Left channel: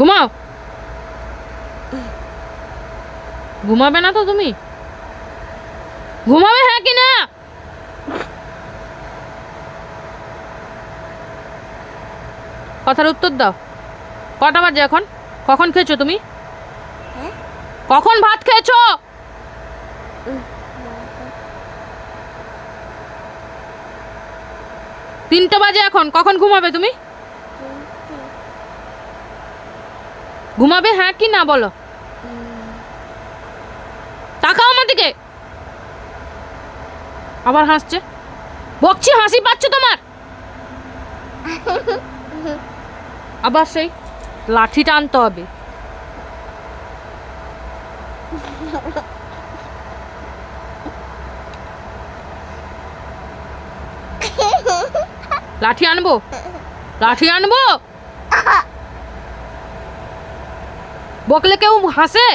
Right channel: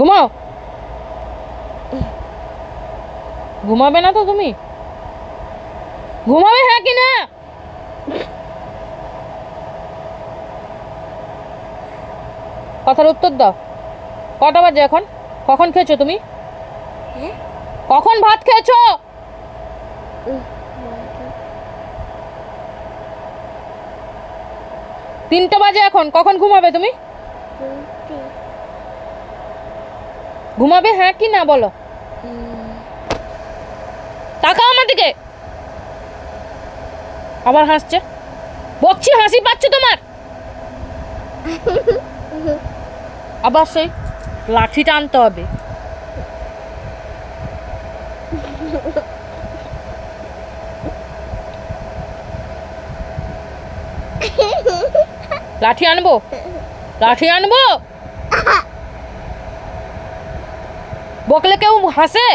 ঘুমাও। ঘুমাবে না তো তুমি? ঘুমাবে হ্যাঁ কি না? কথার উত্তর দাও। কটা বাজে এখন? কখন খেয়েছো তুমি? কখন ভাত খেয়েছো? 3টা বাজে এখন। কখন ঘুমাবে তুমি? ঘুমাবে হ্যাঁ কি না বলো। তাকাও আমার দিকে। আবার হাসছে। বকছি, হাসি পাচ্ছে তোমার? আবার সেই লাঠিটা আনতে হবে। লাঠি আনবো? লাঠি আনবো? বকলে কেউ হাসে?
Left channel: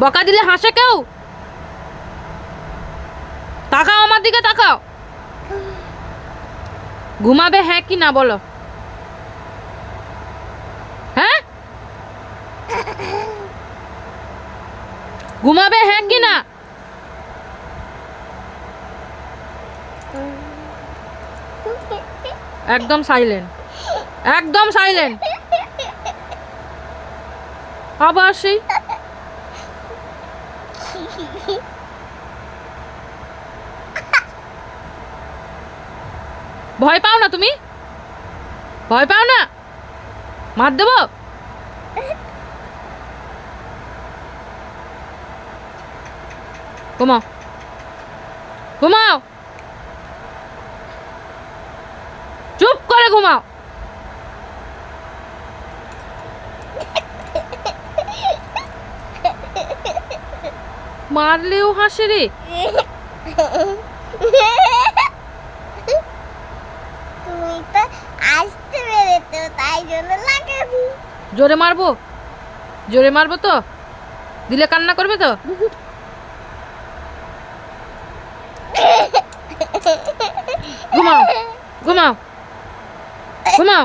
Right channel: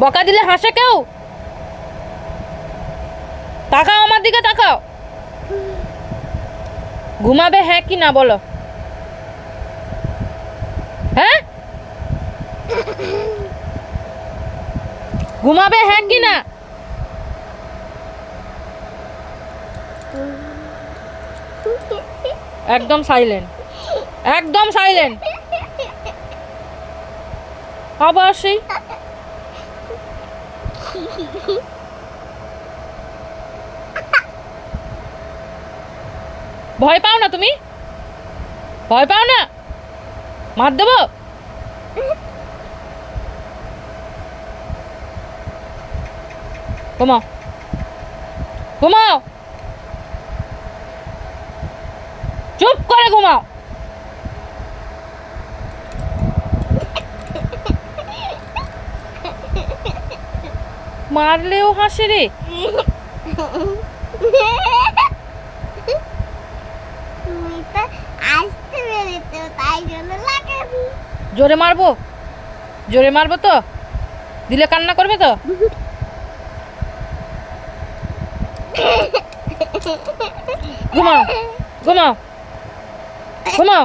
বকা দিলে হাসে কেউ? তাকাও আমার দিকে, তাকাও। ঘুমাবে হ্যাঁ কি না বলো। হ্যাঁ, ঘুমাবে হ্যাঁ কি না? একদম সাইলেন্ট, একদম সাইলেন্ট। আবার সেই ভয় পাও না তুমি? ভয় পাও না? মার দেবো? ঘুমাও, ঘুমাও, চুপ করে ঘুমাও। মারলেও হাসে রে। তুমি তো আসতে পেরেছো, তাই জন্য লাগাবি। জোরে মারবো? জোরে মারবো তো? দিলে কান্না করবে তো? ঘুমাও, ঘুমাও, ঘুমাও।